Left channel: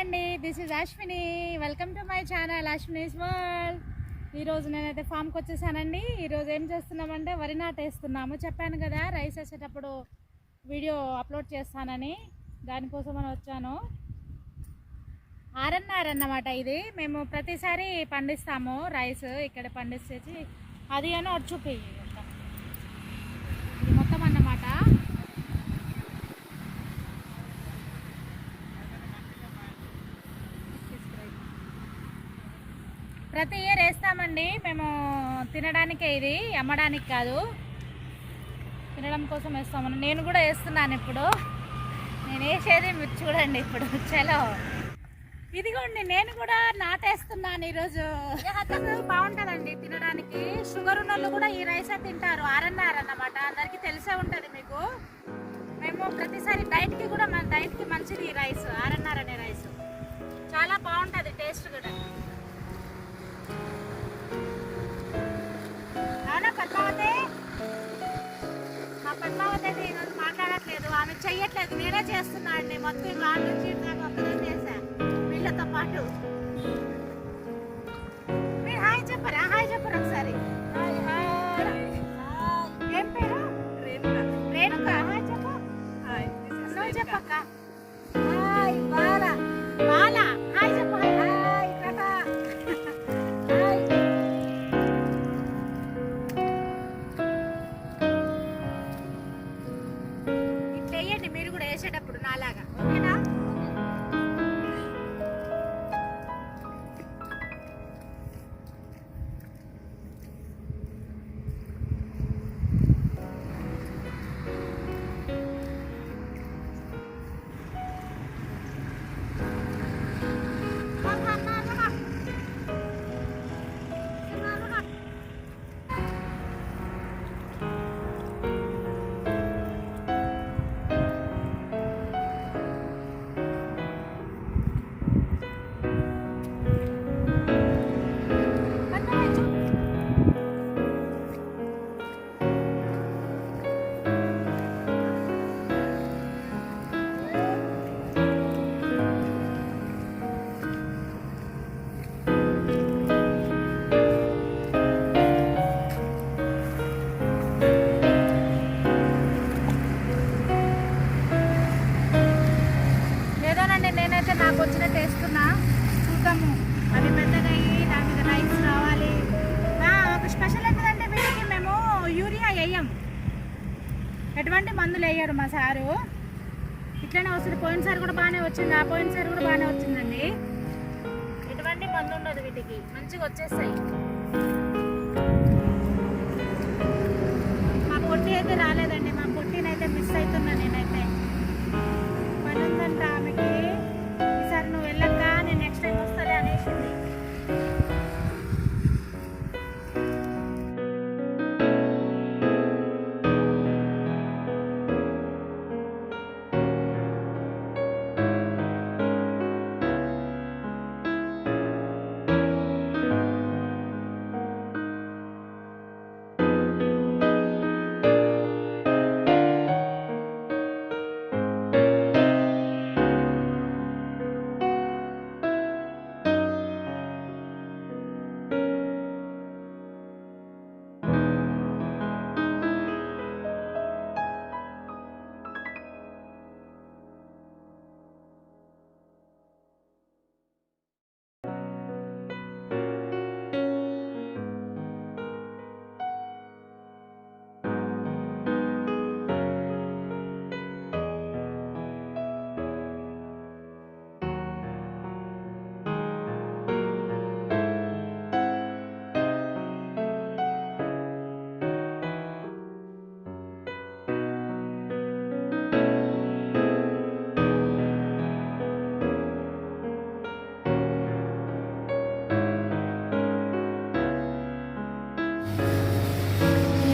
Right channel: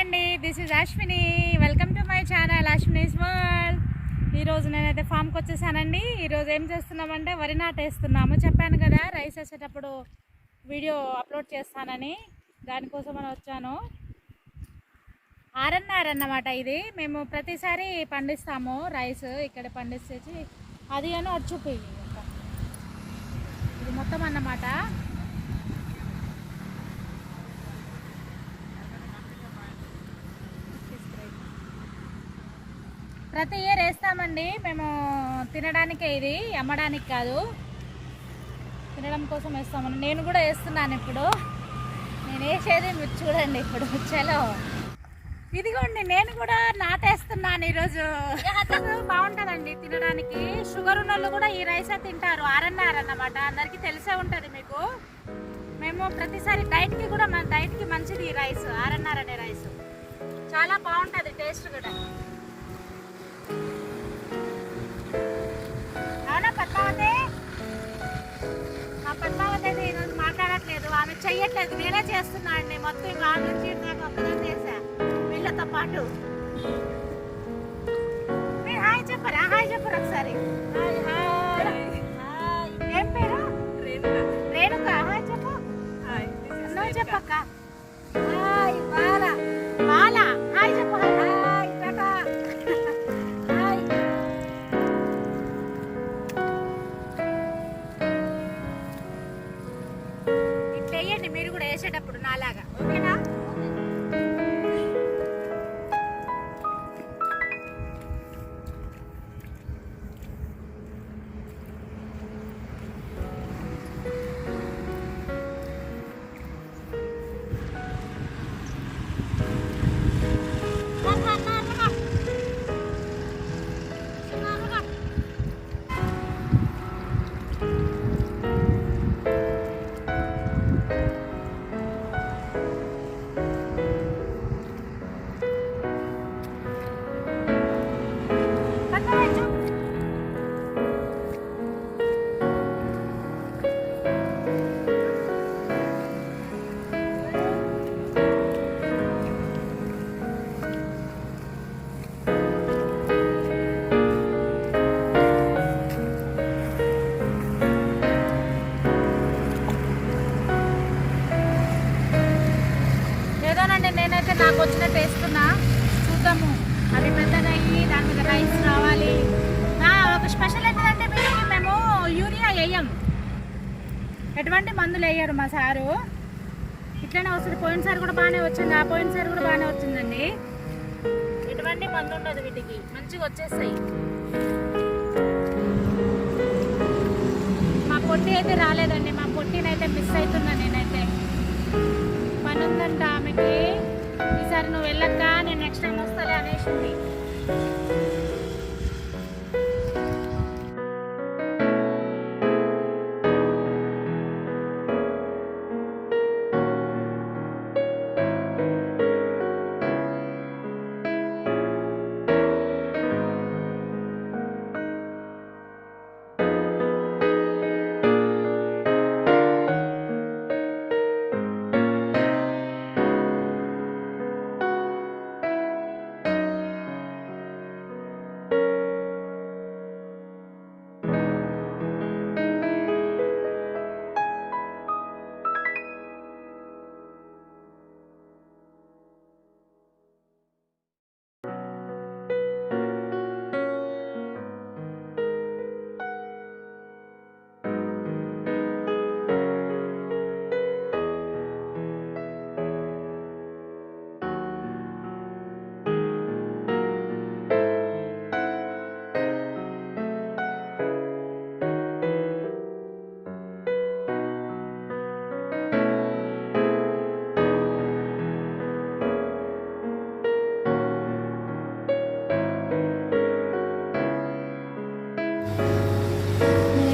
అండి, this is Ashwini. Welcome to my channel Ashwini's world. ఈరోజు నేనైతే ఫామ్కి వచ్చేసానండి. ఈరోజు ఏం చేస్తున్నామంటే వరి నాటేస్తున్నాము. చెప్పాను కదా రైస్ వేసేటప్పుడు వీడియో అప్లోడ్ చేస్తానని, దానికోసం అని వచ్చాను. ఆర్ఎన్ఆర్ అన్నమాట. ఇది మేము ప్రతిసారి పండిస్తాము రైస్, ఇక్కడ పండిస్తేసి అది అని అది చూపి ఇది మొత్తం అన్నమాట. ప్రతి ఇయర్ వేస్తామండి మేము, తినడానికే, ఇది అమ్మడానికి కాదు, తినడం కోసం వేస్తామని. నేను కూడా వేస్తున్నాను ఇప్పుడు. నేను వేసేది మీరు చూడండి ఇప్పుడు. చలో ఇదిగోండి, నేను కూడా నాటేస్తున్నాను ఈరోజు. బాగుంటుందండి తినడానికి. షుగర్ ఉన్న వాళ్ళు కూడా ఈ రైస్ తింటారు. ఆర్ఎన్ఆర్ అన్నమాట, అందరికీ తెలిసే ఉంటుంది మీకు. మేము ప్రతిసారి డైట్కి కూడా, మన డైట్కి మంచిది ఈ రైస్, ఆర్ఎన్ఆర్ అనే రైస్. చాలా బాగుంటుంది టేస్ట్ కూడా. అవునా పద్మావతి? మా పద్మావతి అయితే ఈరోజు మాట్లాడట్లేదు, ఆమె చెయ్యట్లేదు, నేనే చేస్తున్నా అండి మొత్తం. ఇంకా ఆమె నుంచి నాకు ఒక్కదాన్ని చేసా వీళ్ళతో పాటు. మీరు హాయ్ చెప్పరా? హాయ్ చెప్పరు ఒకసారి. ఏం పేరు? రేణుక. హాయ్ చెప్పు. నువ్వు చెప్పక్క. హాయ్ బాలా. బాలా హాయ్ చెప్పు. హాయ్ టాటా. హాయ్. ఇట్లా వేయండి మీరు కూడా వేసేటప్పుడు నాలాగా, ఓకేనా? ఏదోనండి, నేనైతే నాకు వచ్చినట్టు వేస్తున్నా. చూద్దాము, అది పెద్దగా అయ్యి దాని మీద రైస్ రావాలి. ఒక స్పెషల్ ఏంటంటే వీటికి మేము యూరియా వేయం, ఎటువంటి మందులు వేయరు మా సారు. ఇట్లనే వస్తుంది. పోయినసారి కూడా బాగానే వచ్చింది, ఆ పోయినసారి కూడా బాగానే వచ్చిందండి. ఎటువంటి మందు ఉండదు వీటికి, మంచిగా వచ్చేస్తాయి. మా పొట్టి అయితే రాలేదండి, మా పొట్టినైతే మిస్ అవుతున్నా నేనైతే. పని ఉందంట ఆమెకి. ఈసారి నువ్వు వెళ్ళక్క, నేను నెక్స్ట్ టైం వస్తాలే అనేసింది.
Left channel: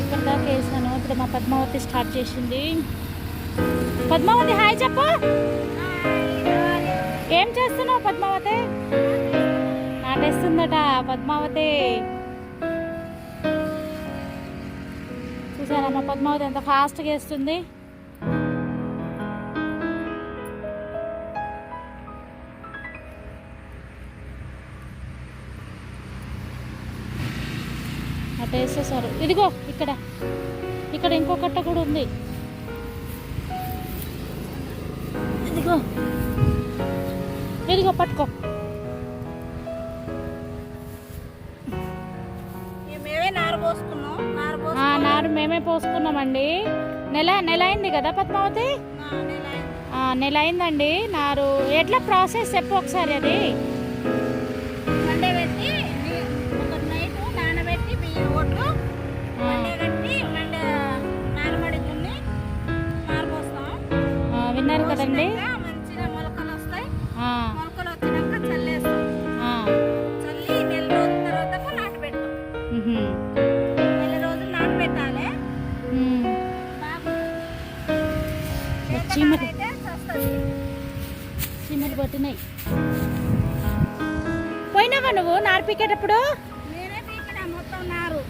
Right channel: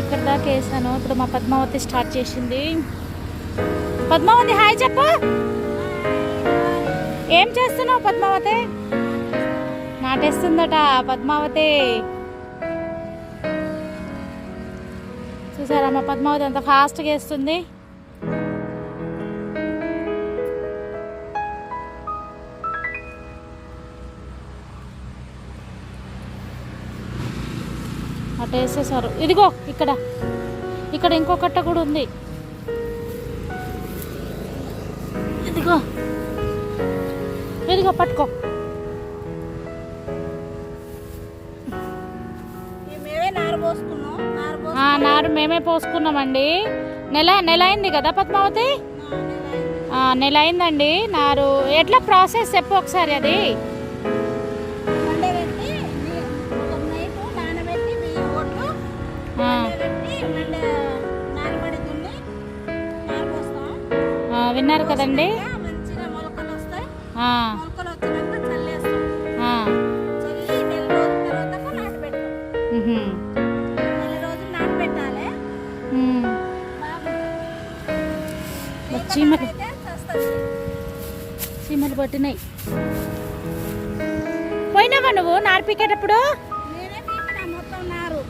ఇక్కడ దాకా వేసాను. ఇప్పుడు మా పద్మావతి స్టార్ట్ చేసింది. పద్మావతి హాయ్ చెప్పు. ఏం చేస్తున్నావు పద్మావతి? నాటేస్తుందట పద్మావతి. చూసారా మా పద్మావతి ఎంత ఫాస్ట్గా వేస్తుంది. అటు వేసేసారు. ఇదిగో ఇక్కడ ఇక్కడ ఇంకో కట్ట కూడా ఉంది. ఇదిగో ఇదిగో పట్టుకో. నారు మేమే పోసుకున్నామండి. నెల అయింది కదా పద్మావతి? నెల అయిందండి నారు. ఎట్లా ప్రాసెస్ చెప్పు ఒకసారి. అది మండబెట్టి ఒక నైట్ నానబెట్టి బియ్యం ఒడ్లు మండబెట్టి నారబడి దున్ని నారు పోస్తాం. విన్నారు కదండి. మంచిగా మొలకలు వస్తాయి. మొలకలు వచ్చినాక చల్లేస్తాం. చల్లి నెల రోజుల తర్వాత నాటు పెడతాం. నెల రోజులు నాటు పెట్టాలి. చీమలు పట్టినాయి. పోయినావా నువ్వు నారు పీకేటప్పుడు? నేనే పీకినా మొత్తం నారు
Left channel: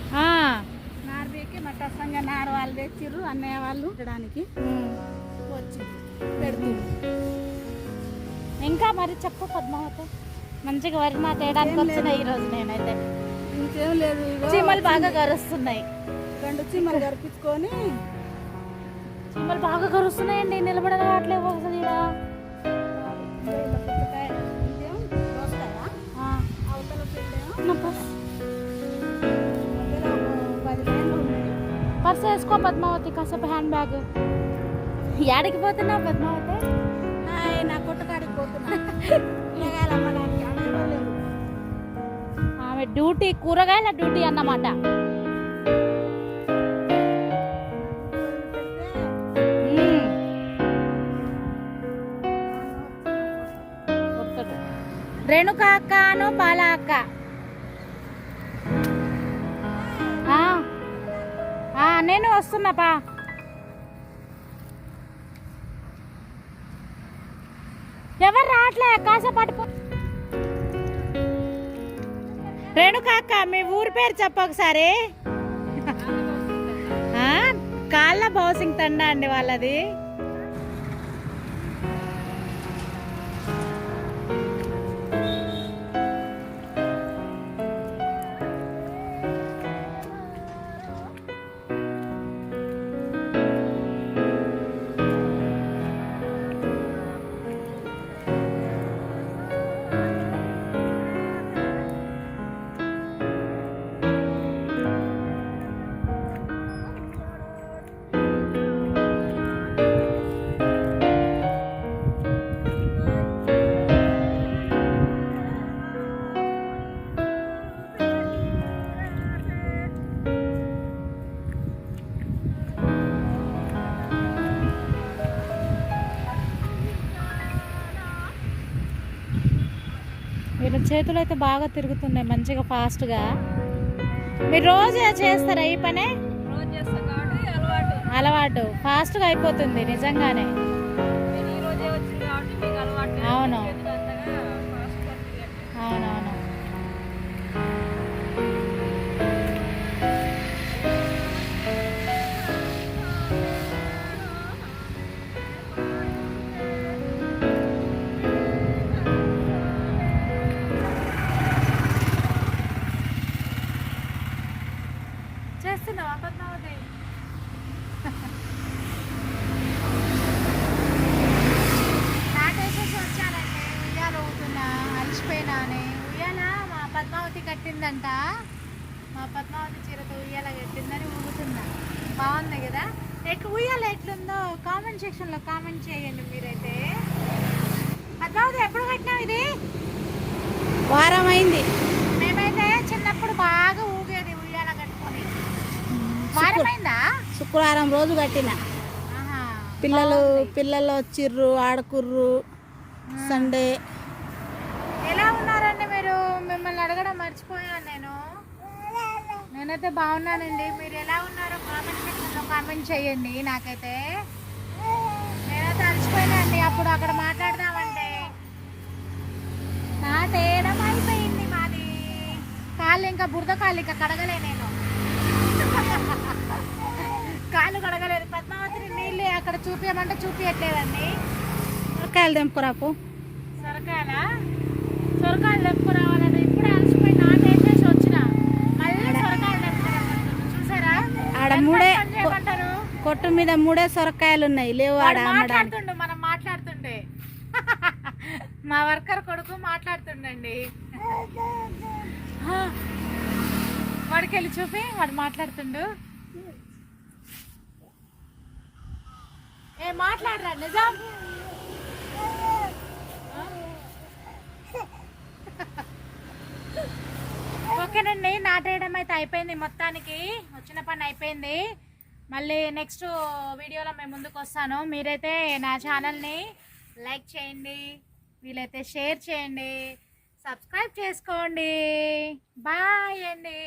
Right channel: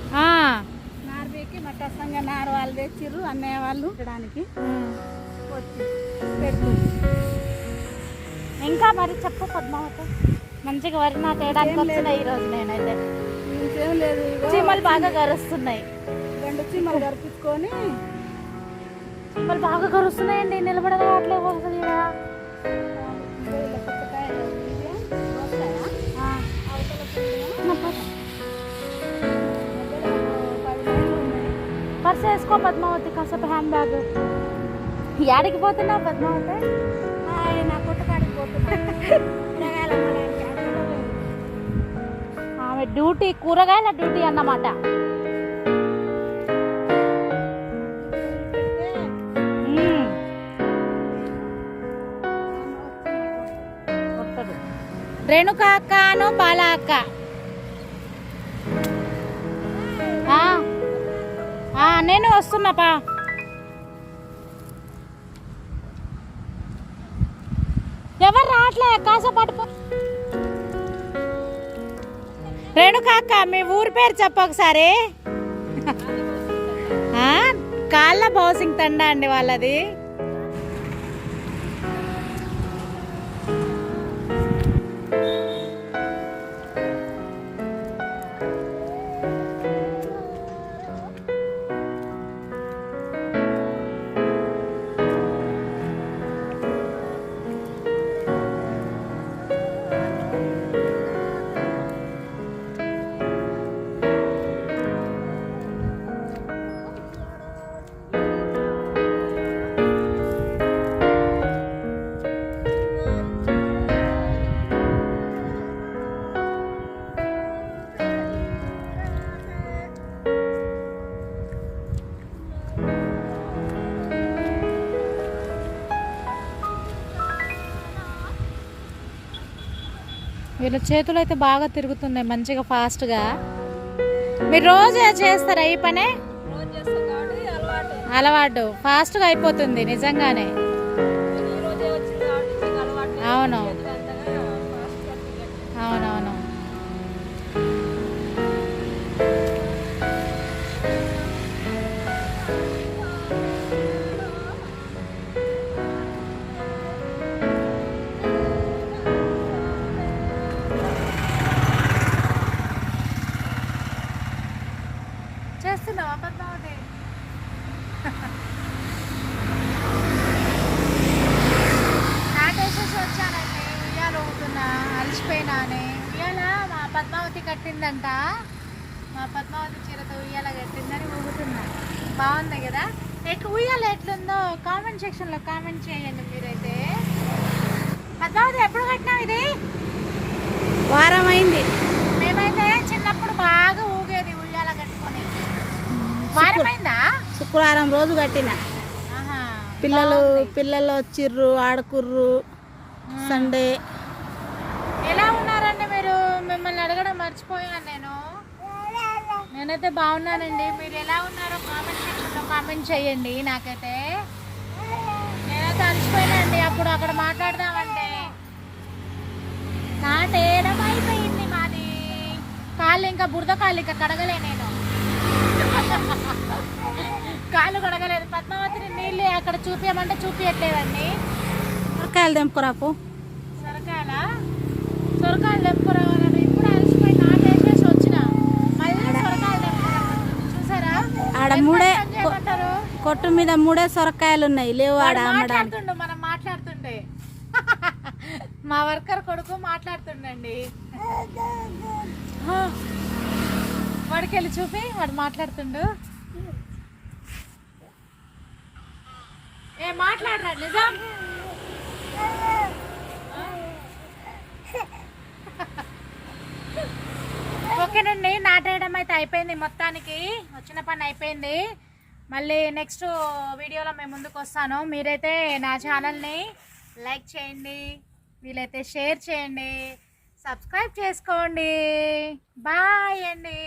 పీకి మట్టసంగా నారు వాళ్ళు తెచ్చిర్రు. అన్నయ్య వాళ్ళు పెట్టడానికి వచ్చి పెడుతుంది. ఇంకా మరి చెప్పు పద్మావతి. మంచిగా వరి నాకు వేయడానికి వచ్చినాయి ఈరోజు. నేనైతే ఇంకేం లేదు. చీమలు బాగా గరుస్తున్నాయి. 2 చీమలు గరిపించుకొని చీమలు బాగా గరుస్తున్నాయండి. నిలబడగా అట్లేవు ఒకసారి. పుచ్చకాయ ఇదేం దోసకాయ అవతల మధ్యలో 10 లైన్లు ఉన్నాయి. పర్స్ వేసుకో పద్మావతి. కాసేపు హ్యాండ్ బ్యాగ్. యాడికి పోతున్నా పద్మావతి? నా కొట్టకాడికి పోతున్నా. ఆమె డ్యూటీ కూరగాయల డ్యూటీ అన్నమాట. రేణుక అక్కను బాల అక్క. నేను వస్తున్నాపా. ఎవరు రావట్లే కాసేపట్టు. రేణుక అక్క మీ ఊరి పేరు చెప్ప ఒకసారి. కాళ్ళ బౌసింగ్ తండా అండి వాళ్ళది. వీళ్ళ చేతులు అయితే బాగా తిరుగుతున్నాయి మంచిగా ఫాస్ట్గా. మీరు రోజు చేస్తారా ఈ పనే? అలవాటు ఫాస్ట్గా అయిపోతుంది నిజంగానే. అవును అవునవును. చేస్తున్నావా పద్మావతి? నాటేసేసి వచ్చానండి. ఉయ్యాలు ఊగుతున్నా, అలసిపోయినా అని. ఉయ్యాల మా పద్మావతి కట్టిందంట. మా పద్మావతి చీరతో ఉయ్యాల కట్టిందని ఊగుతున్నా. బాగుంది కదా? ఉయ్యాల ఎట్లుందో కామెంట్ సెక్షన్లో కామెంట్ చేయండి మీరైతే. పద్మావతి ఎప్పుడు కట్టినావు ఇది? వారం అయింది. మేమైతే చిన్నప్పుడు బాగా ఊగేది ఉయ్యాల కట్టుకొని. వారమైందా? శుక్రవారం రోజు కట్టిన. పిల్లలు వచ్చిర్రు, ఆడుకుర్రు. సండే. ఎలా ఉన్నారండి మీరు? మిమ్మల్ని అడగడం మర్చిపోయాను నేనైతే బాగున్నానండి. మీరు ఎలా ఉన్నారో కామెంట్ సెక్షన్లో కామెంట్ చేయండి. నేనైతే అలసిపోయినండి. అప్పుడు అక్కడ మాట్లాడదామంటే నాటేయడం అయిపోయింది మాది. కాళ్ళు ఇంకా బురద కాళ్ళు ఇంకా కడగలే నేను. కాళ్ళు కడగలేదు. పద్మావతిని నీళ్ళు అక్కడ చూపించమంటే చూపించట్లేదండి. సొరకాయలు తెంపుకురాపు. సొరకాయలు తెంపుకురావాలని ఇప్పుడు అలసిపోయి నాటేసేసి వచ్చిన. మళ్ళీ సొరకాయలు తెంపుకురా. కొట్టు మీద 3 సొరకాయలు ఉన్నాయి, లేవు ఆడ అమ్మడానికి. మాట్లాడుతుండు, మనం మాట్లాడుతుండే మా వర్కర్ కొడుకు మాట్లాడుతుండండి. వాడికి వెళ్ళి చూపి, వాడు మాట్లాడుతుండు. ఏ మాట్లాడరా నిజం? ఓకేనండి, నాటేయడం అయితే అయిపోయింది, మొత్తానికి వచ్చిన పని అయిపోయింది. మళ్ళీ నెక్స్ట్ వీడియోలో మేము ముందుకు వస్తాను. మీరైతే నా ఛానల్ని లైక్ చేయండి, వీలైతే షేర్ చేయండి, సబ్స్క్రైబ్ చేసుకోండి. బాయ్ అండి.